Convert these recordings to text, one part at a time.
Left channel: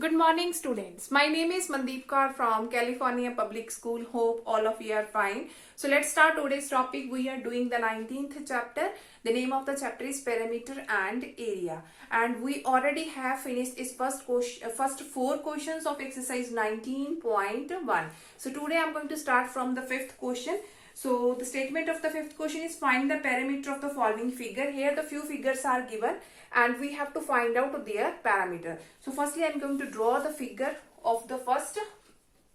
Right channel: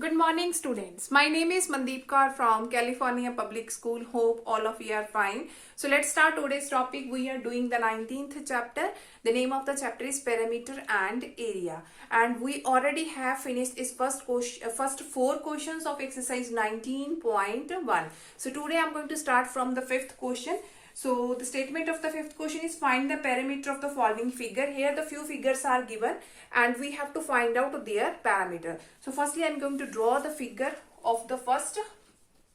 Good morning, students. My name is Mandeep Kaur from California Public School. Hope all of you are fine. So let's start today's topic. We are doing the 19th chapter. The name of the chapter is Parameter and Area. And we already have finished its first four questions of exercise 19.1. So today I'm going to start from the fifth question. So the statement of the fifth question is find the parameter of the following figure. Here the few figures are given and we have to find out their parameter. So firstly I am going to draw the figure of the first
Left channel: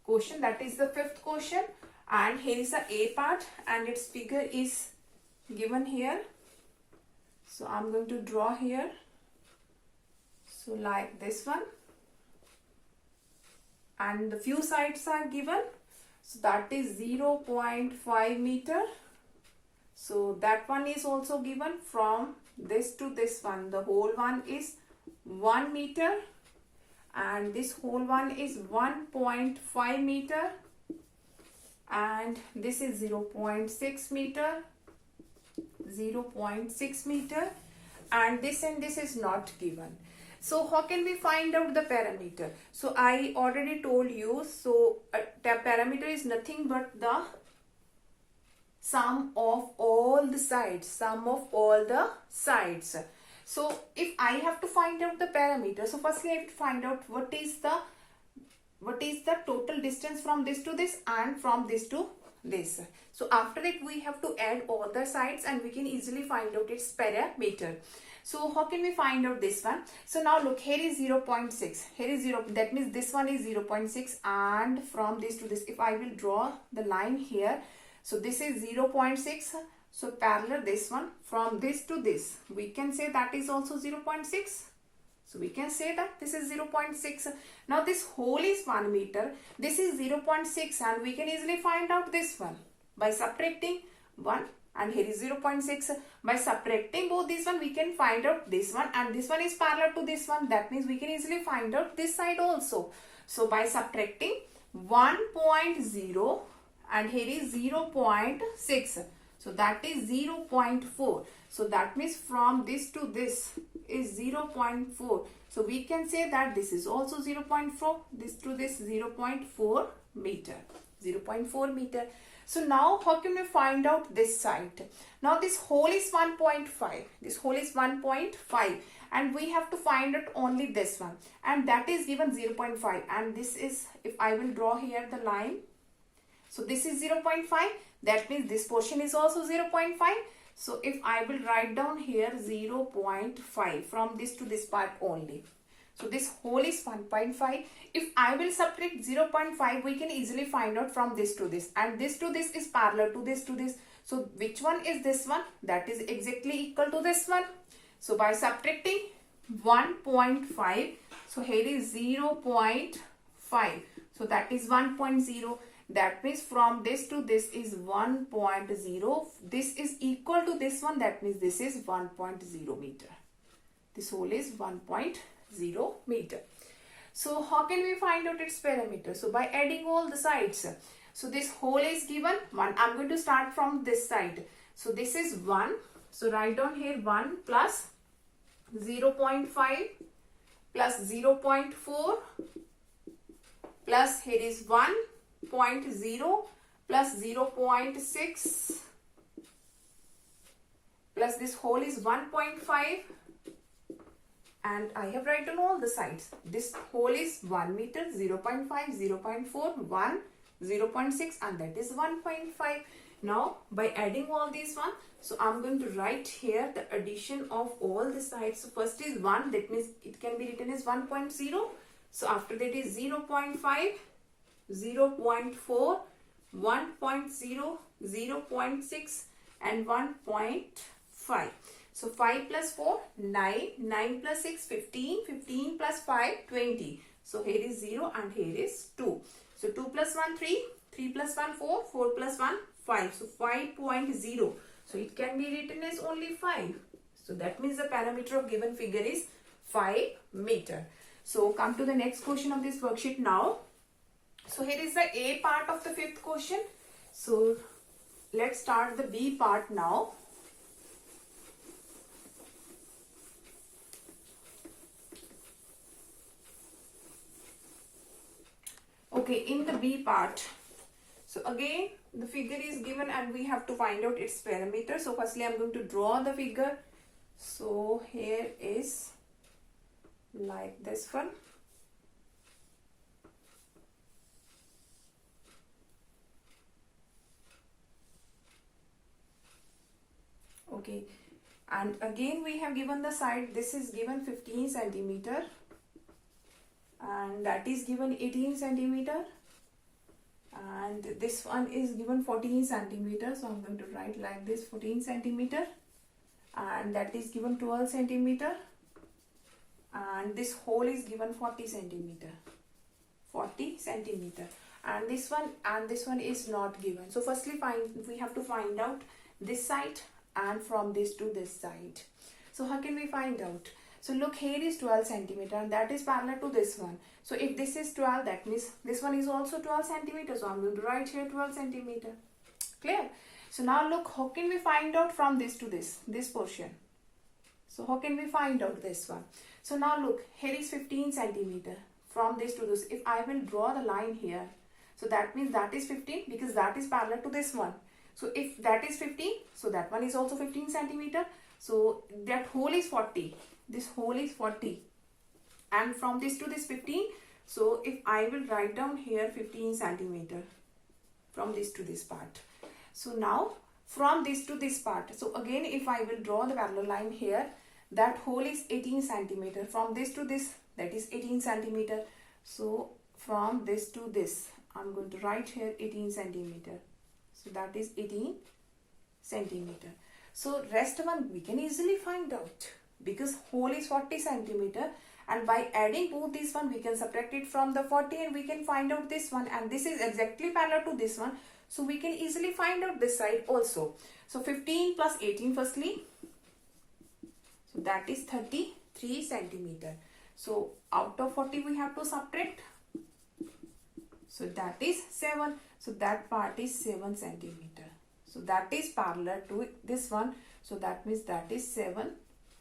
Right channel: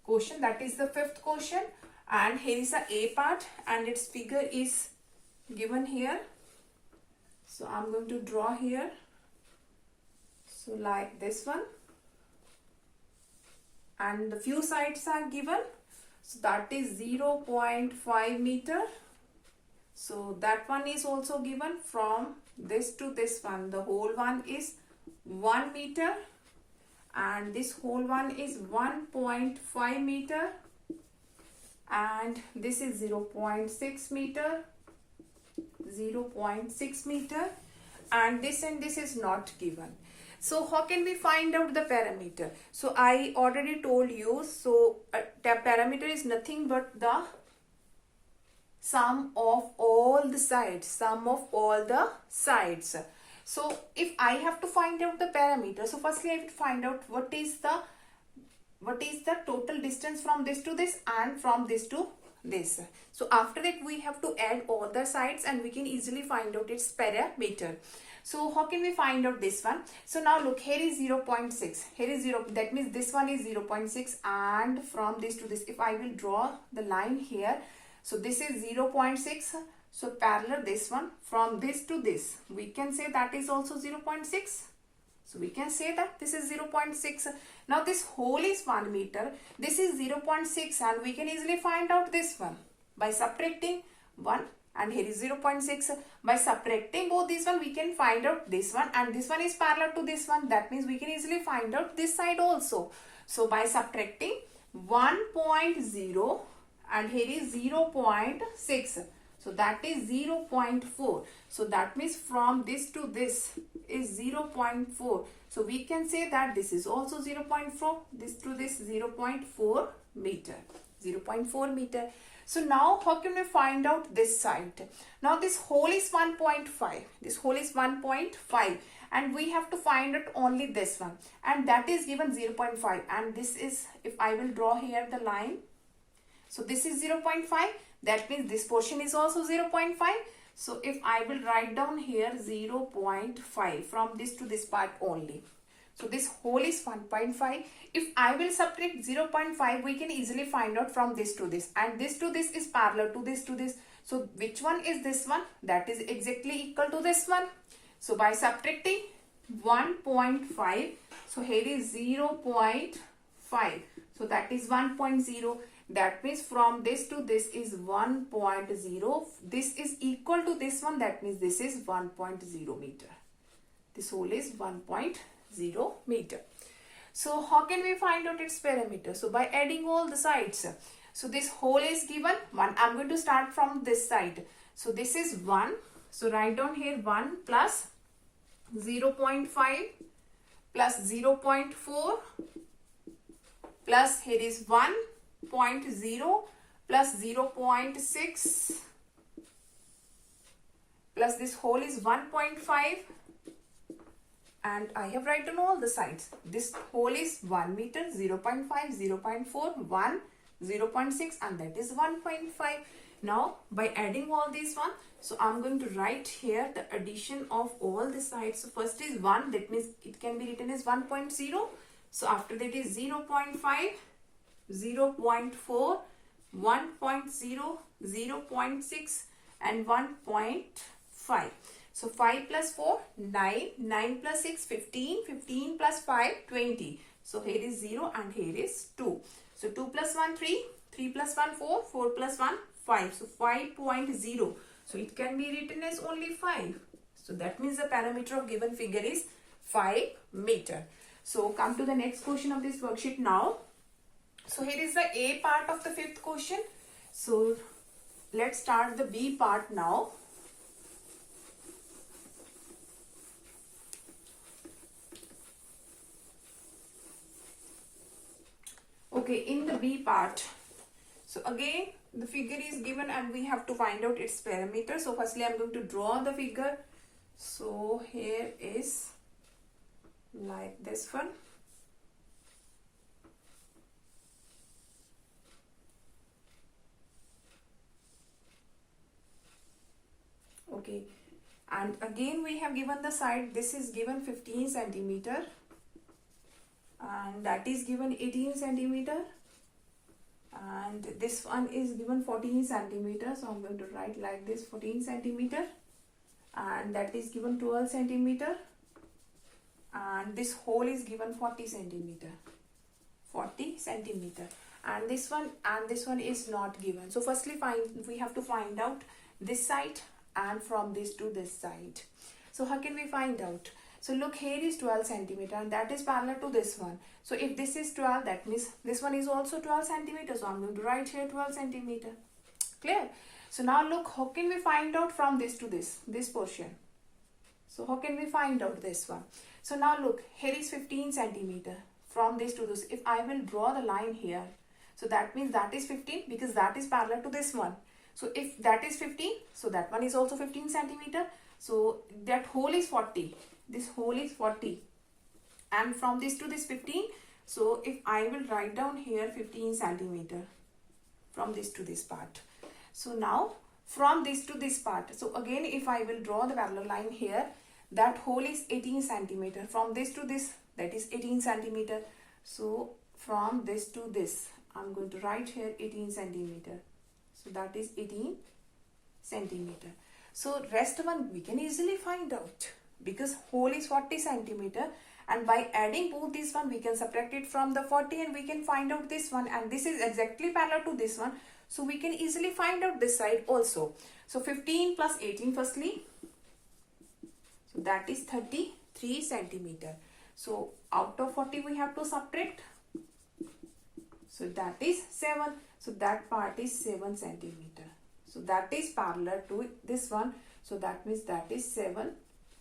question, that is the fifth question, and here is the A part and its figure is given here. So I am going to draw here. So like this one, and the few sides are given. So that is 0.5 meter. So that one is also given. From this to this one, the whole one is 1 meter and this whole one is 1.5 meter and this is 0.6 meter, 0.6 meter, and this is not given. So how can we find out the parameter? So I already told you, so the parameter is nothing but the sum of all the sides, So if I have to find out the parameter, so firstly I will find out what is the total distance from this to this and from this to this. So after it we have to add all the sides and we can easily find out its parameter. So how can we find out this one? So now look, here is 0.6, here is 0, that means this one is 0.6, and from this to this, if I will draw the line here, so this is 0.6, so parallel this one, from this to this, we can say that is also 0.6. So we can say that this is 0.6. Now this whole is 1 meter, this is 0.6, and we can easily find out this one by subtracting 1. And here is 0.6. By subtracting both these one, we can find out this one, and this one is parallel to this one. That means we can easily find out this side also. So by subtracting 1.0 and here is 0.6. So that is 0.4. So that means from this to this is 0.4. So we can say that this is also 0.4. This to this 0.4 meter. 0.4 meter. So now how can we find out this side? Now this whole is 1.5. This whole is 1.5 and we have to find out only this one, and that is given 0.5, and this is, if I will draw here the line, so this is 0.5, that means this portion is also 0.5. So if I will write down here 0.5 from this to this part only. So this whole is 1.5. If I will subtract 0.5, we can easily find out from this to this. And this to this is parallel to this to this. So which one is this one? That is exactly equal to this one. So by subtracting 1.5, so here is 0.5. So that is 1.0. That means from this to this is 1.0. This is equal to this one. That means this is 1.0 meter. This whole is 1.0 meter. So how can we find out its parameter? So by adding all the sides. So this whole is given 1. I'm going to start from this side. So this is 1. So write down here 1 plus 0.5 plus 0.4 plus here is 1.0 plus 0.6 plus this whole is 1.5. And I have written all the sides. This whole is 1 meter, 0.5, 0.4, 1, 0.6, and that is 1.5. Now, by adding all these one, so I'm going to write here the addition of all the sides. So first is 1, that means it can be written as 1.0. So after that is 0.5, 0.4, 1.0, 0.6, and 1.5. So 5 plus 4, 9, 9 plus 6, 15, 15 plus 5, 20. So here is 0 and here is 2. So 2 plus 1, 3, 3 plus 1, 4, 4 plus 1, 5. So 5.0. So it can be written as only 5. So that means the parameter of given figure is 5 meter. So come to the next question of this worksheet now. So here is the A part of the fifth question. So let's start the B part now. Okay, in the B part, so again the figure is given and we have to find out its parameter. So firstly I'm going to draw the figure. So here is like this one. Okay, and again we have given the side. This is given 15 centimeter and that is given 18 centimeter, and this one is given 14 centimeter. So I'm going to write like this, 14 centimeter, and that is given 12 centimeter, and this hole is given 40 centimeter, and this one is not given. So firstly we have to find out this side and from this to this side. So how can we find out? So look, here is 12 centimeter and that is parallel to this one. So if this is 12, that means this one is also 12 centimeter. So I'm going to write here 12 centimeter. Clear? So now look, how can we find out from this to this portion? So how can we find out this one? So now look, here is 15 centimeter. From this to this, if I will draw the line here, so that means that is 15 because that is parallel to this one. So if that is 15, so that one is also 15 centimeter. So that hole is 40. This hole is 40. And from this to this 15. So if I will write down here 15 centimeter from this to this part. So now from this to this part. So again, if I will draw the parallel line here, that hole is 18 centimeter. From this to this, that is 18 centimeter. So from this to this, I'm going to write here 18 centimeter. So that is 18 centimeter. So rest one we can easily find out because hole is 40 centimeter, and by adding both this one we can subtract it from the 40 and we can find out this one, and this is exactly parallel to this one. So we can easily find out this side also. So 15 plus 18 firstly. So that is 33 centimeter. So out of 40 we have to subtract. So that is 7. So that part is 7 centimeter. So that is parallel to this one. So that means that is 7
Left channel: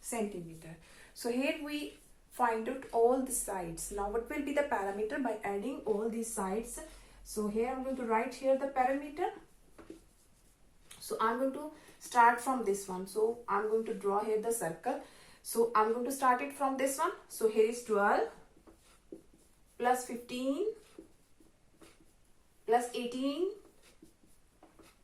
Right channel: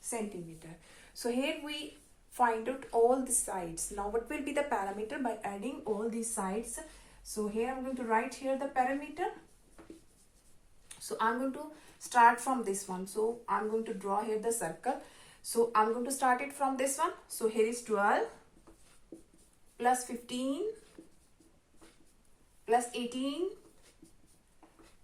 centimeter. So here we find out all the sides. Now what will be the parameter by adding all these sides? So here I'm going to write here the parameter. So I'm going to start from this one. So I'm going to draw here the circle. So I'm going to start it from this one. So here is 12 plus 15 plus 18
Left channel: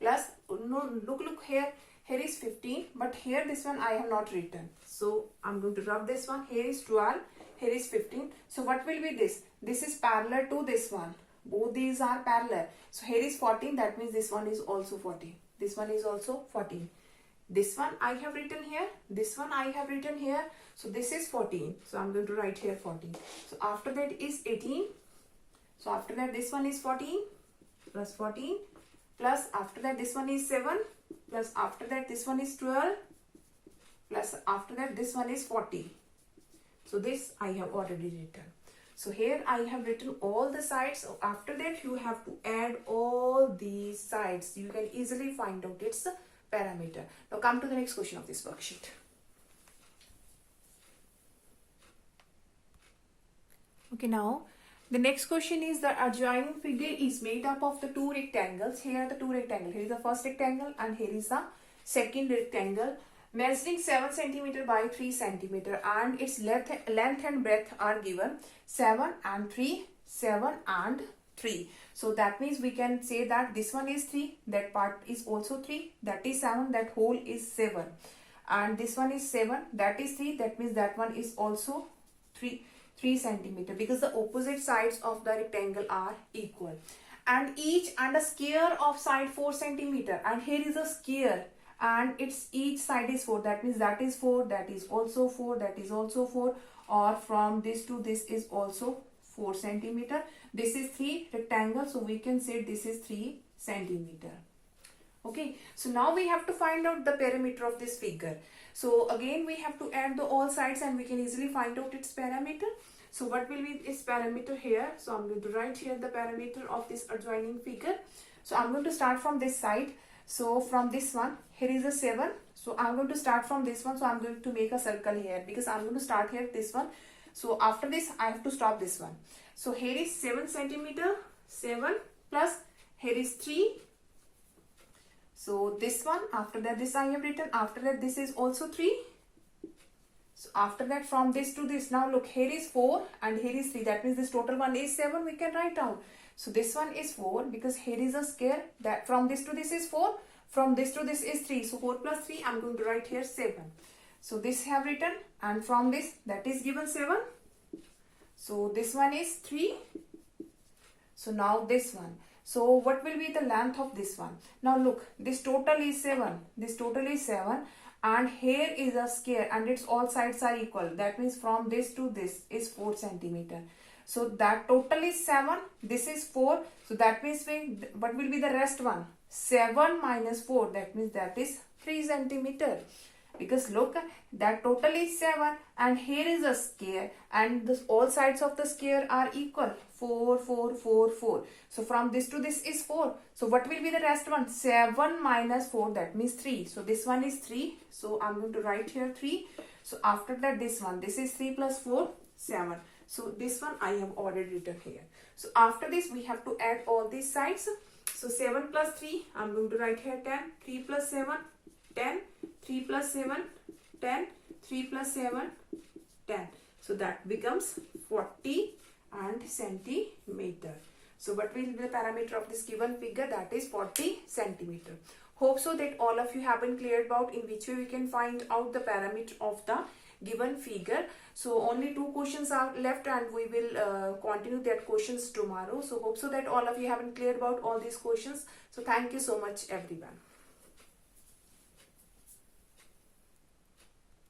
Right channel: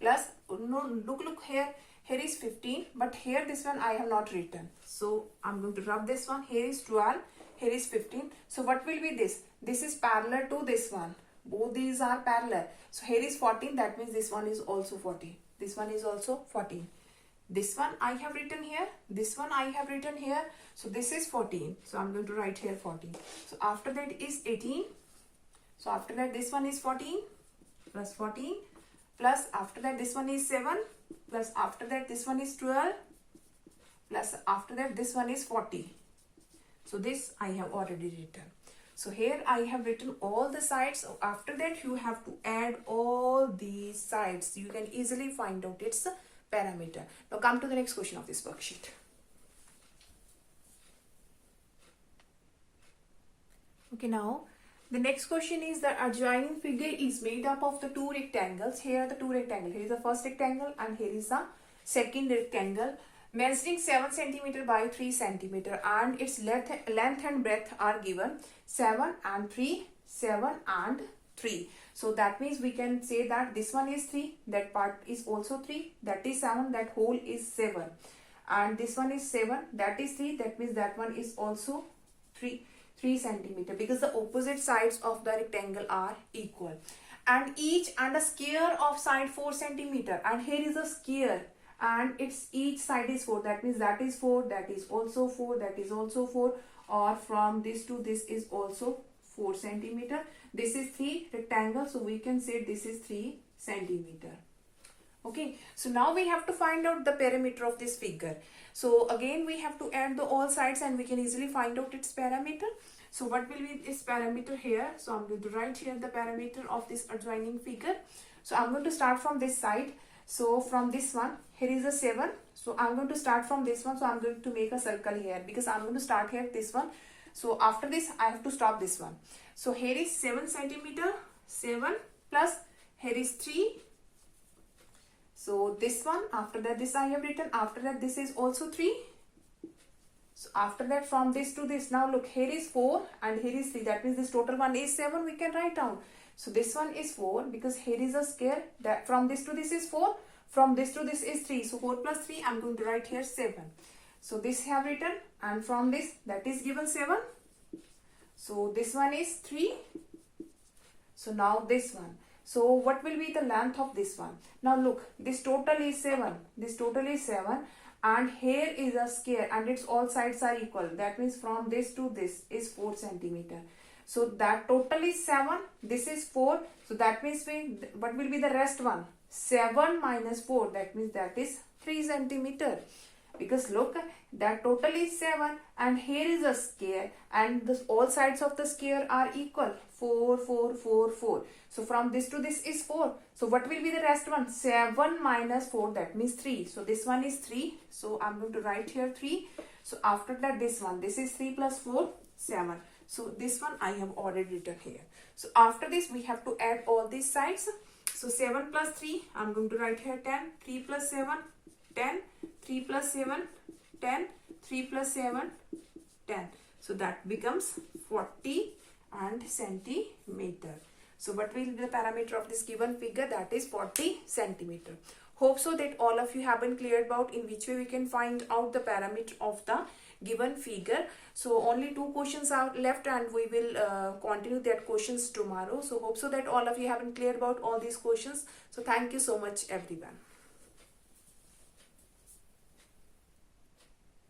plus, no, look here is 15, but here this one I have not written. So I'm going to rub this one. Here is 12, here is 15. So what will be this? This is parallel to this one. Both these are parallel. So here is 14, that means this one is also 14. This one is also 14. This one I have written here. This one I have written here. So this is 14. So I'm going to write here 14. So after that is 18. So after that this one is 14 plus 14 plus after that this one is 7 plus after that this one is 12 plus after that this one is 40. So this I have already written. So here I have written all the sides. So after that you have to add all these sides. You can easily find out its parameter. Now come to the next question of this worksheet. Okay, now the next question is the adjoining figure is made up of the two rectangles. Here are the two rectangles. Here is the first rectangle and here is the second rectangle measuring 7 centimeter by 3 centimeter, and its length and breadth are given 7 and 3, 7 and 3. So that means we can say that this one is 3, that part is also 3, that is 7, that whole is 7, and this one is 7, that is 3, that means that one is also 3 centimeter, because the opposite sides of the rectangle are equal, and a square of side 4 centimeter, and here is a square and its each side is 4, that means that is 4, that is also 4, that is also 4, or from this to this is also 4 centimeter. This is 3 rectangle, so we can say this is 3 centimeter. Okay, so now we have to find out the perimeter of this figure. So again we have to add the all sides and we can easily find out its parameter. So what will be its parameter here? So I'm going to write here the parameter of this adjoining figure. So I'm going to start from this side. So from this one, here is a 7. So I'm going to start from this one. So I'm going to make a circle here because I'm going to start here this one. So after this I have to stop this one. So here is 7 centimeter. 7 plus here is 3. So this one, after that this I have written, after that this is also 3. So after that from this to this, now look, here is 4 and here is 3. That means this total one is 7, we can write down. So this one is 4 because here is a square, that from this to this is 4, from this to this is 3. So 4 plus 3, I'm going to write here 7. So this have written, and from this, that is given 7. So this one is 3. So now this one. So what will be the length of this one? Now look, this total is 7. This total is 7. And here is a square and its all sides are equal. That means from this to this is 4 centimeter. So that total is 7. This is 4. So that means what will be the rest one? 7 minus 4. That means that is 3 centimeter. Because look, that total is 7 and here is a square and all sides of the square are equal. 4, 4, 4, 4. So from this to this is 4. So what will be the rest one? 7 minus 4, that means 3. So this one is 3. So I'm going to write here 3. So after that this one, this is 3 plus 4, 7. So this one I have already written here. So after this we have to add all these sides. So 7 plus 3, I'm going to write here 10. 3 plus 7, 10. 3 plus 7, 10. 3 plus 7, 10. So that becomes 40 and centimeter. So what will be the parameter of this given figure? That is 40 centimeter. Hope so that all of you have been clear about in which way we can find out the parameter of the given figure. So only 2 questions are left and we will continue that questions tomorrow. So hope so that all of you have been clear about all these questions. So thank you so much everyone.